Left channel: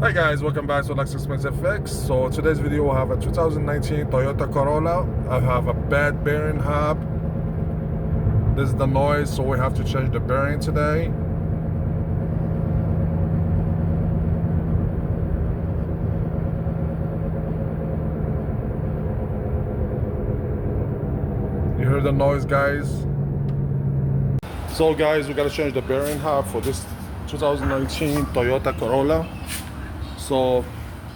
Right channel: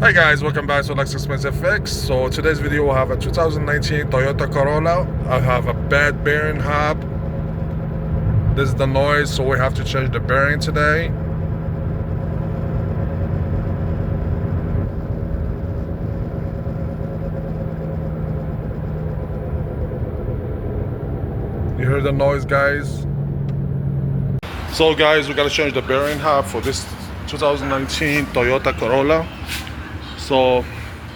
Hi guys, welcome back to Lex Expensive Fix. So today's video will have a 2019 Toyota Corolla. I have a bad bearing hub. This is the noise, so we have to change the bearing today. You hear the noise, guys? So guys, we gotta change the bearing hub for this 2019 Toyota Corolla. So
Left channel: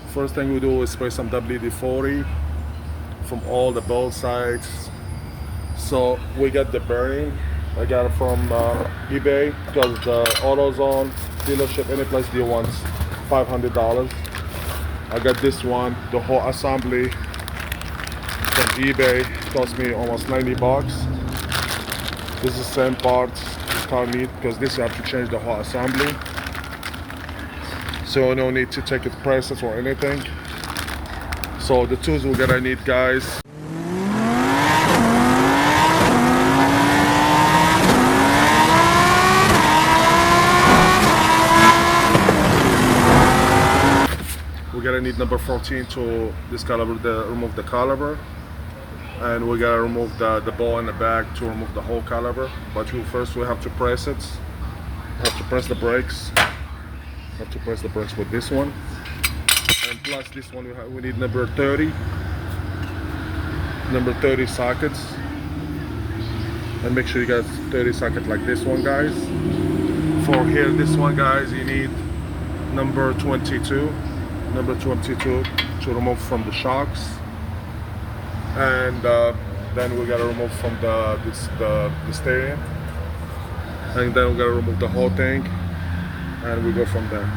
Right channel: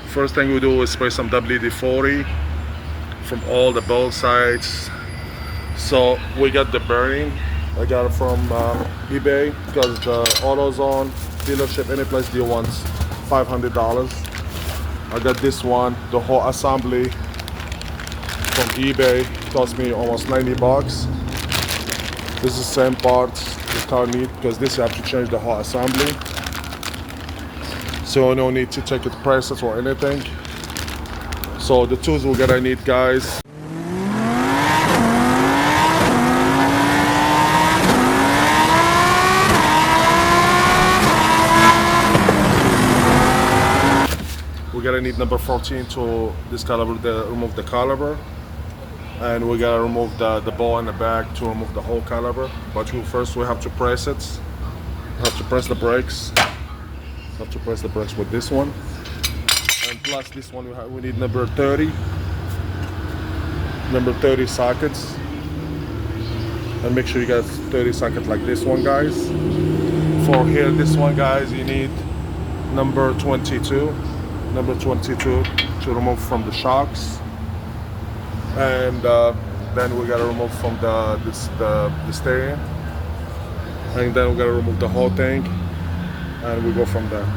first thing we do is spray some WD-40 from all the both sides. So we got the bearing. I got it from eBay because the AutoZone dealership, any place deal wants $500. I got this one, the whole assembly from eBay. Cost me almost 90 bucks. This is the same part. This car neat because this you have to change the whole assembly. So no need to take it prices or anything. So the tools we're gonna need, guys. We're gonna need number 14 to this caliber, remove the caliber. And we gotta remove the ball in the back to remove the whole caliber. But first we have to press it. We have to press the brakes. Have to press the brakes with this one, and plus this one we need number 30 sockets, and make sure you got 30 sockets like this one, guys. For here, this one, guys, you need number 22 to remove from the shocks, and then we gotta remove from the steering, and then we gotta remove the whole thing, and we go from there.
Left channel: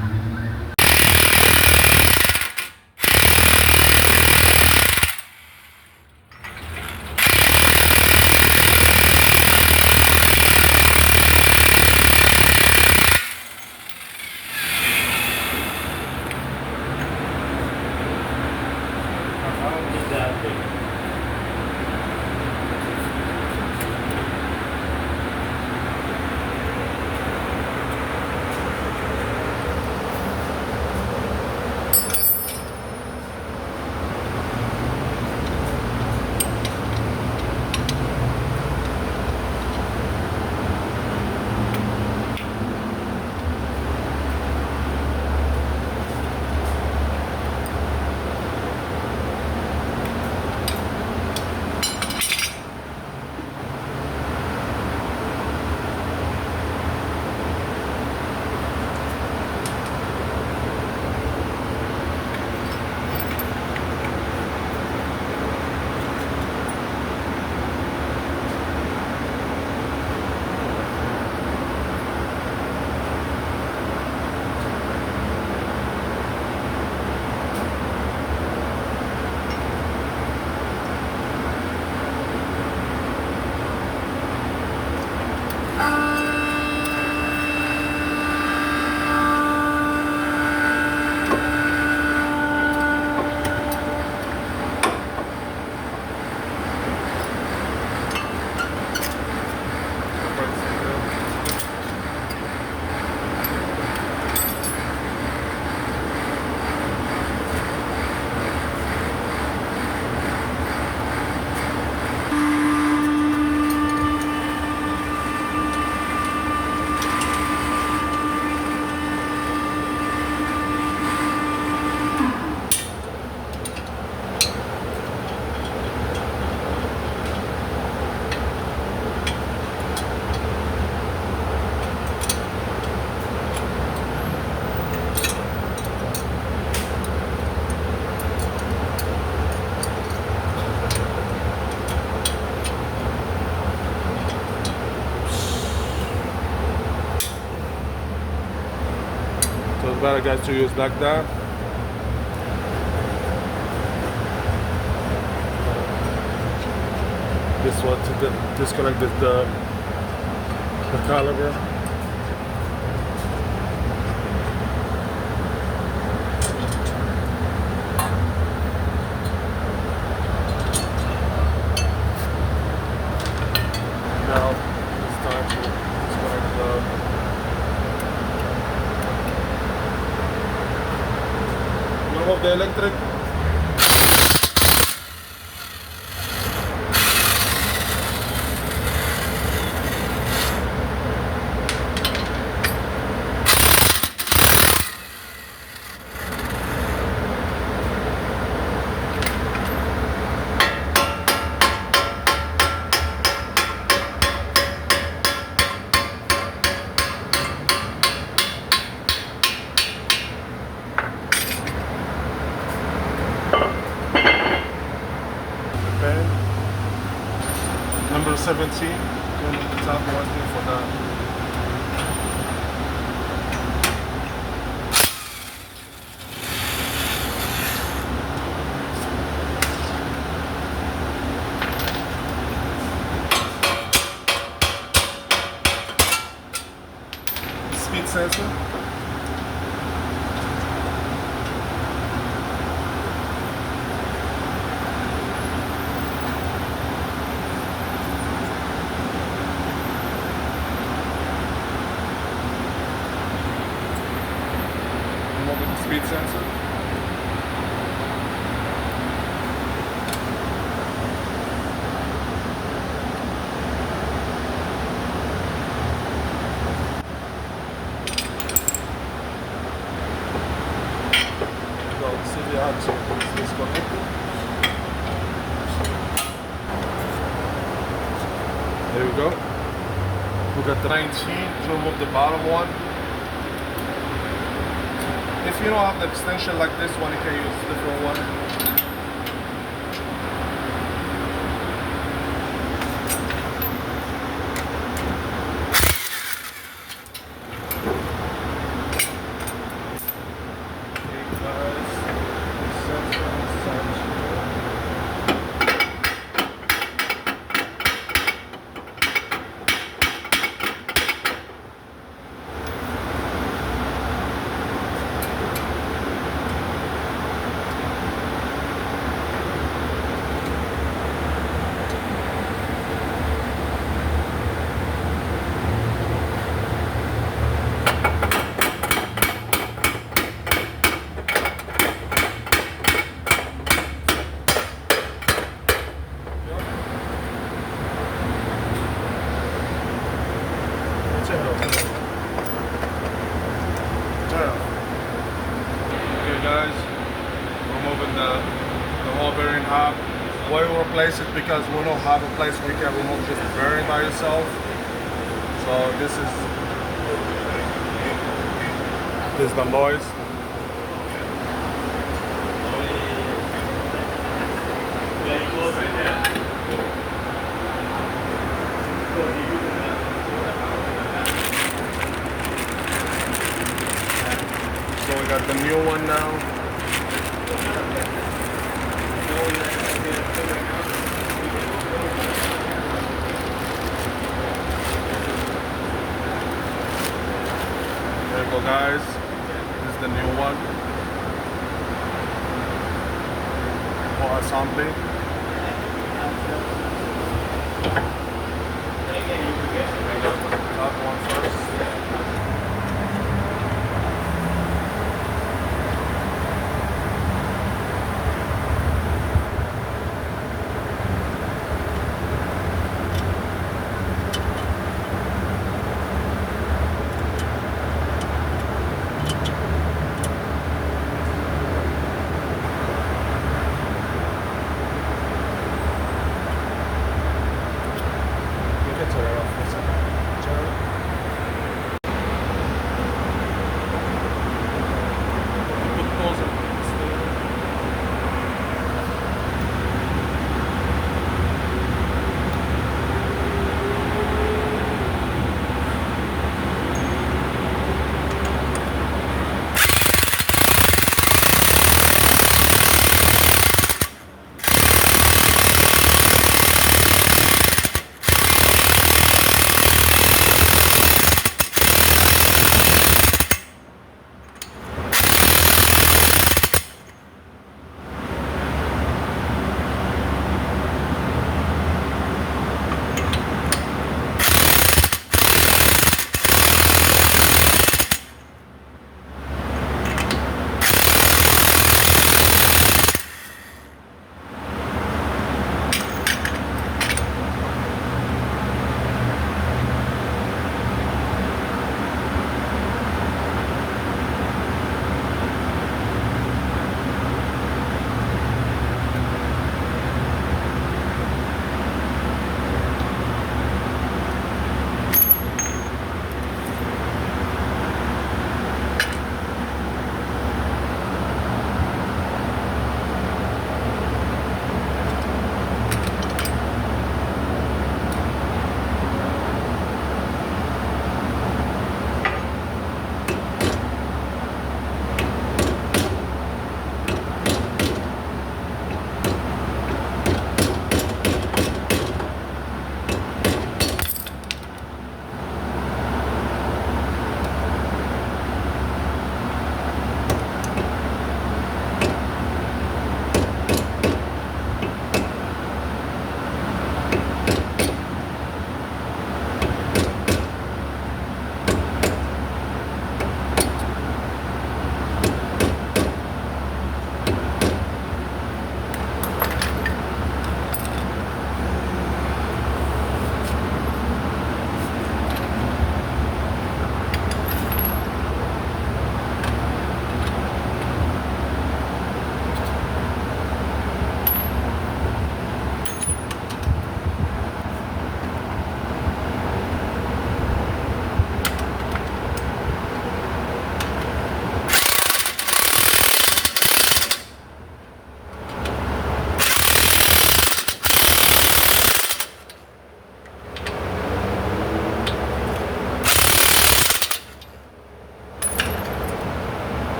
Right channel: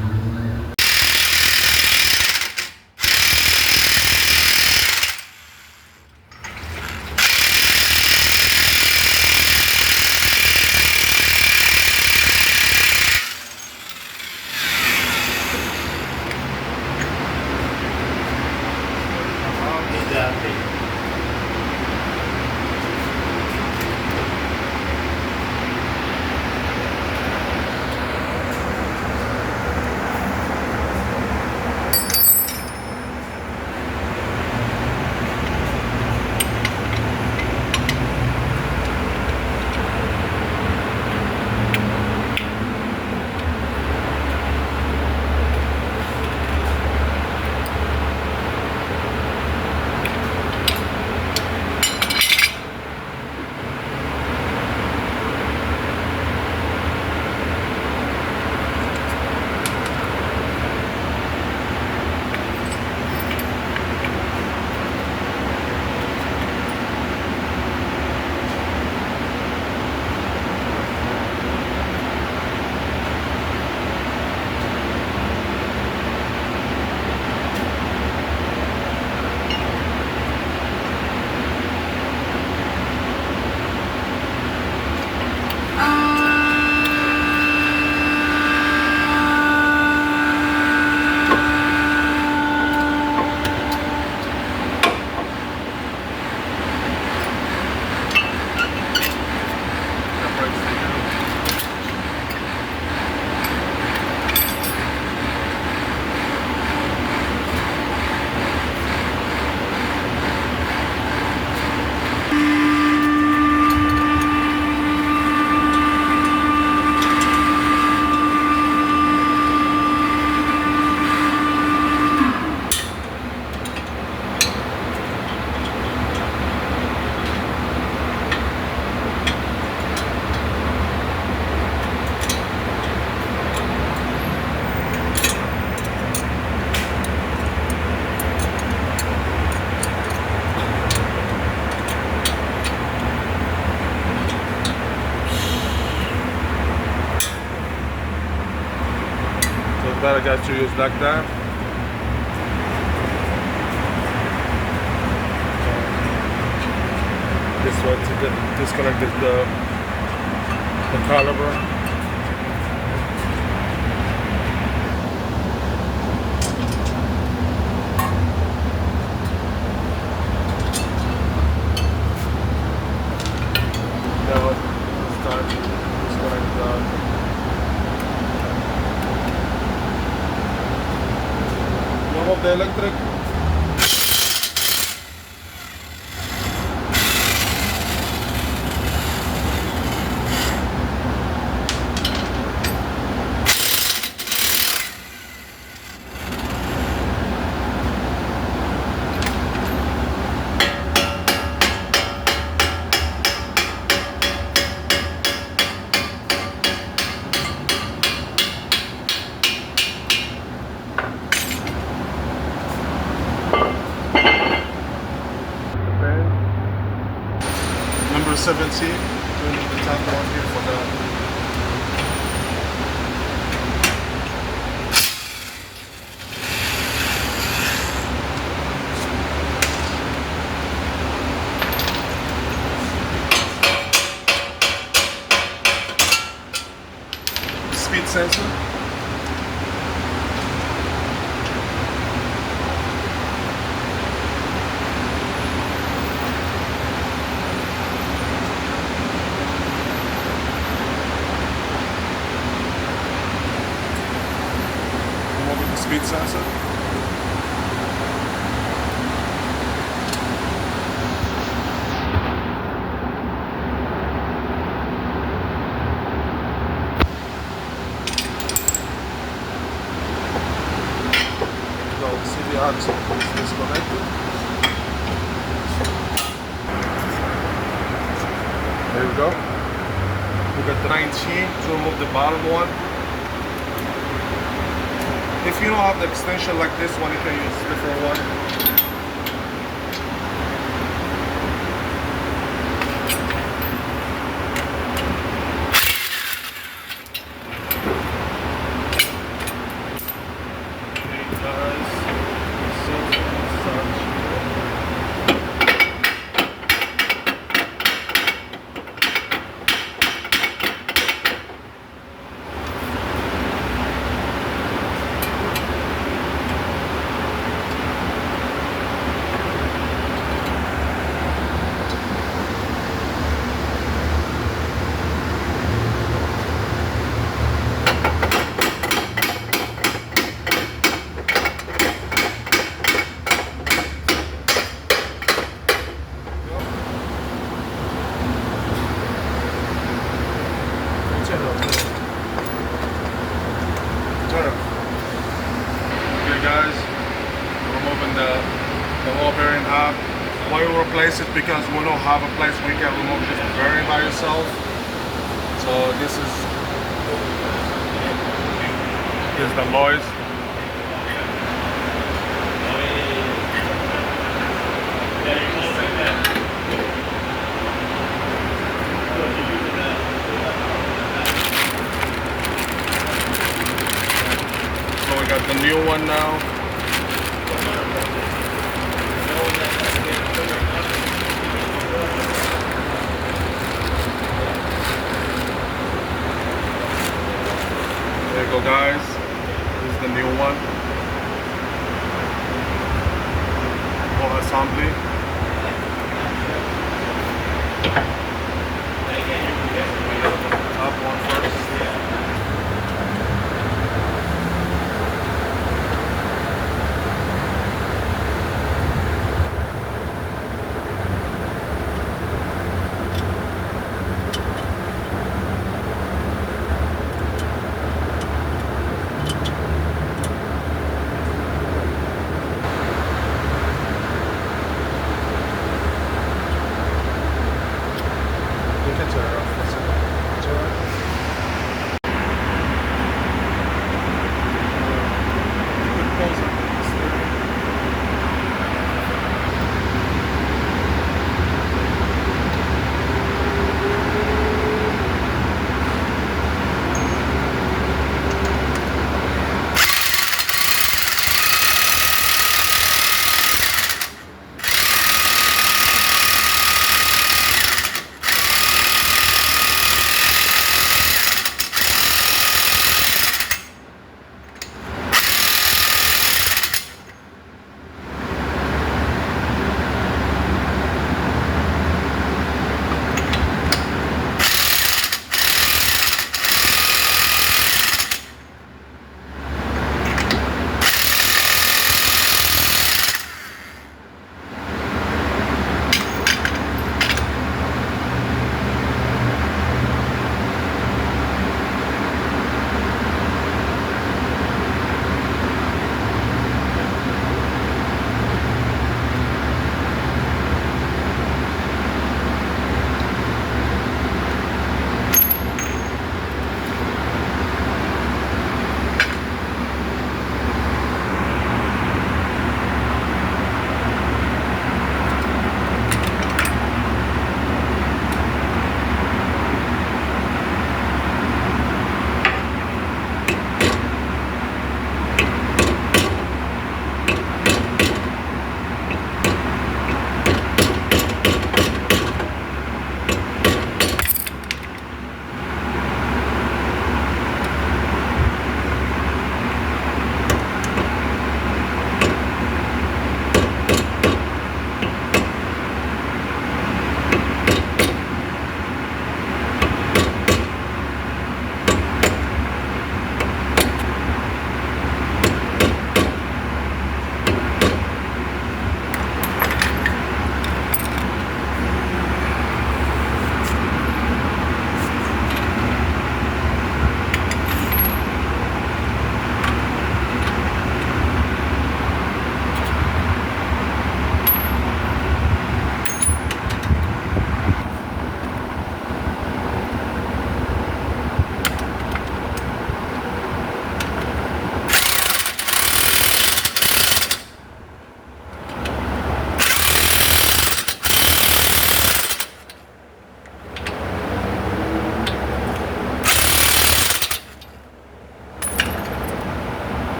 Better, guys, to use like that. This one to disconnect the caliber. Now it's time to disconnect the turn off the electric. Number 17, turning the top one here for the speed sensor. Speed sensor. Go see the axle is disconnected. There we go. We got the 19 to remove the bottom one. If you don't have the extension like this one, you can use a different one. Okay guys, removing the whole bearing half. Why we replace it? Because we don't have a place where you can remove just the bearing by yourself. So this is the noise. So we got the new one now. There you go guys, this is the new one for assembly. We gotta put the top one first.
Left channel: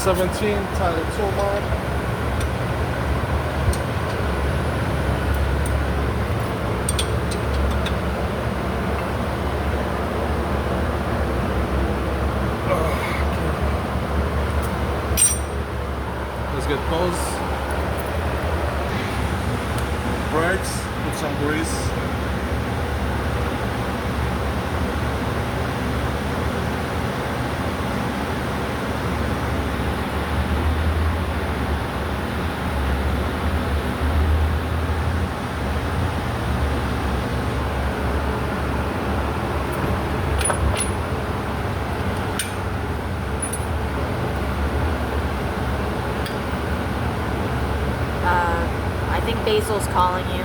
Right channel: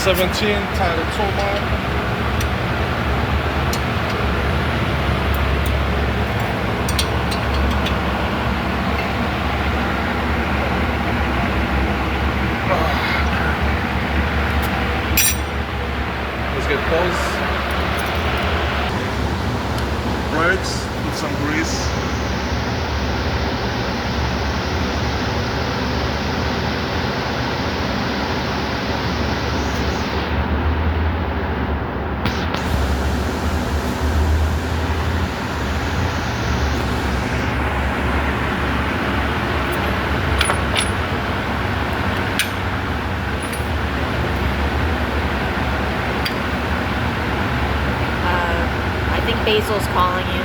17 title tool mark. Let's get those brakes, put some grease. I think Basil's calling you.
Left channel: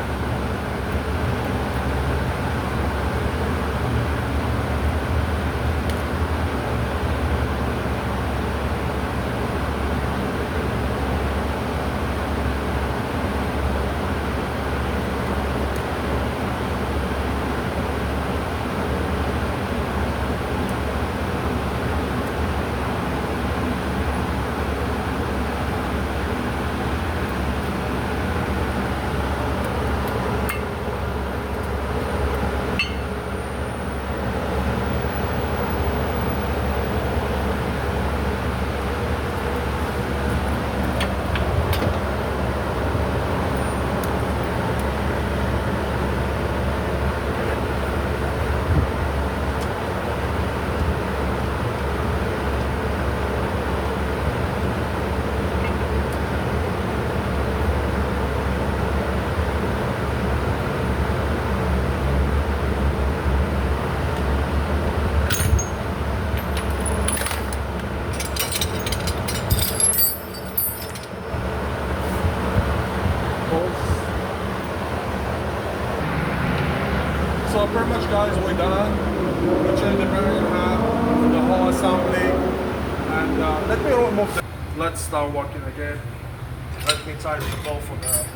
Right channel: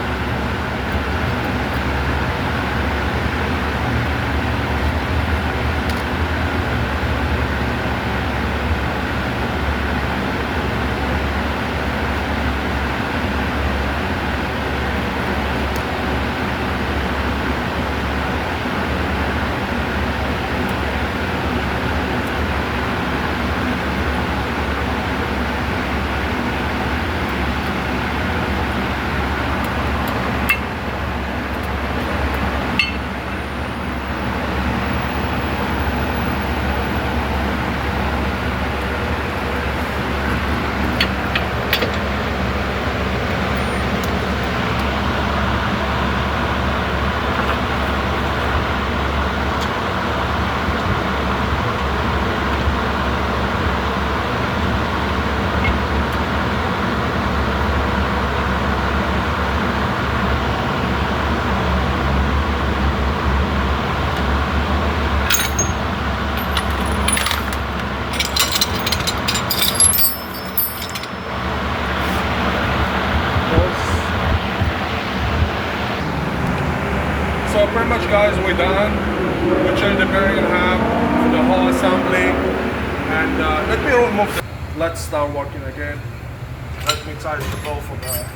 So pretty much, guys, we're done. We changed the bearing in half, the whole assembly, and let me remove the. Let's start working again. Let me tighten the bolt for that.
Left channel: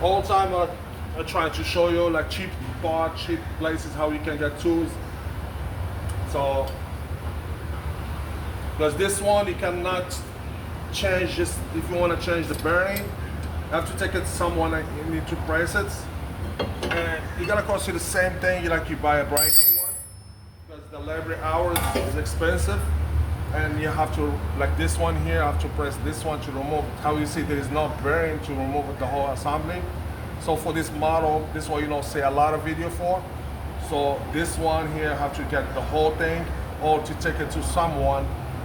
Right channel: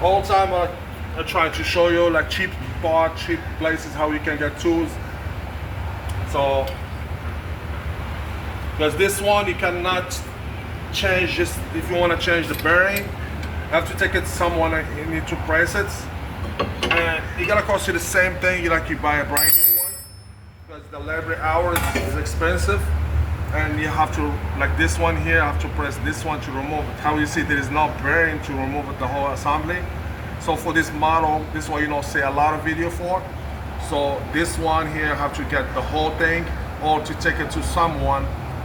All the time I'm trying to show you like cheap parts, cheap places how you can get tools. So, because this one you cannot change, just if you want to change the bearing, you have to take it to someone and you need to press it. And it gonna cost you the same thing like you buy a brand new one, because the labor hours is expensive. And you have to, like this one here, I have to press this one to remove it. How you see there is no bearing to remove it, the whole assembly. So for this model, this one you don't see a lot of video for. So this one here, I have to get the whole thing, or to take it to someone,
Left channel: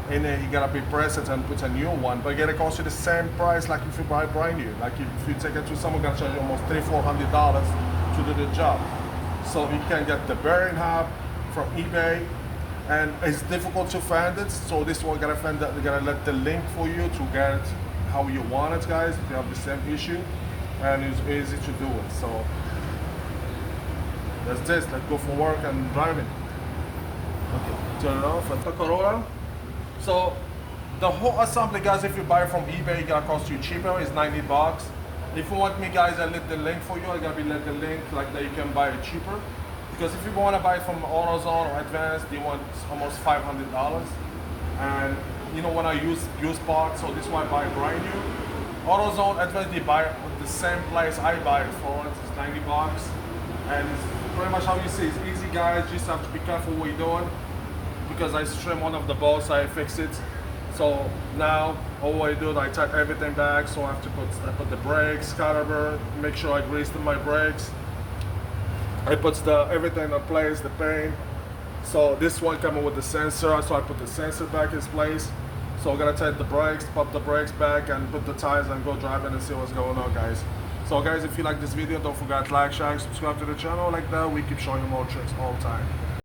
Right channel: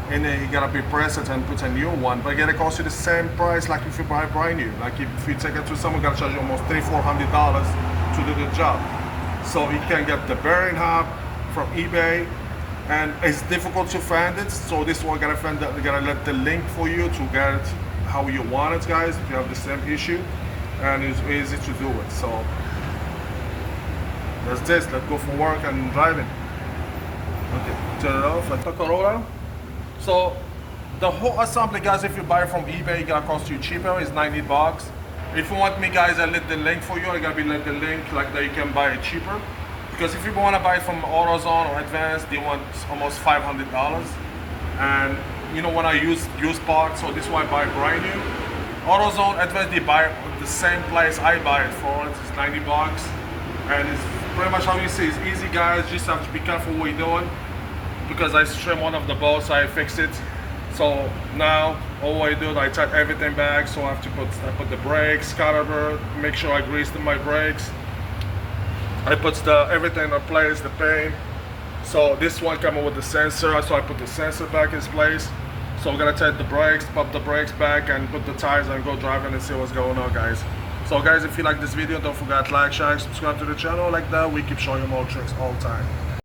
and then you gotta be press it and put a new one. But it gonna cost you the same price like if you buy brand new. Like if you take it to someone, gonna charge you almost $300-400 to do the job. So you can get the bearing hub from eBay, and it's difficult to find it. So this one gonna find that, they're gonna let the link for you to get it how you want it, guys. If you have the same issue, and it's easy to do it. So that's this. Let's go for work and driving. Okay, turn it off. Toyota Corolla. So the whole assembly, guys, if you buy it from eBay, it's gonna cost you cheaper. It's $90. If you want me, guys, I let the link for you. I gotta be let the link like that you can buy it cheaper. Because if you want to buy it from AutoZone or Advanced, they want almost $500. And you know when I use parts, so this is why I buy brand new. AutoZone, Advanced, they buy it at the same place I buy it for. It's $90, and it's pretty much how you see. It's easy, guys. Just have to be careful what you're doing. Because I trim one of the bolts, I fix it. So now all I do is I tighten everything back. So I have to put the brakes, caliper, make sure I grease my brakes. I put everything in place, the paint. So this one coming with the sensor, so I put the sensor back in place. So I'm gonna take the brakes, pop the brakes back, and put the tires and go driving and see what's going on, guys. So guys, if you like this video, don't forget to like, share, subscribe to the channel. Like that, we keep showing you more tricks all the time.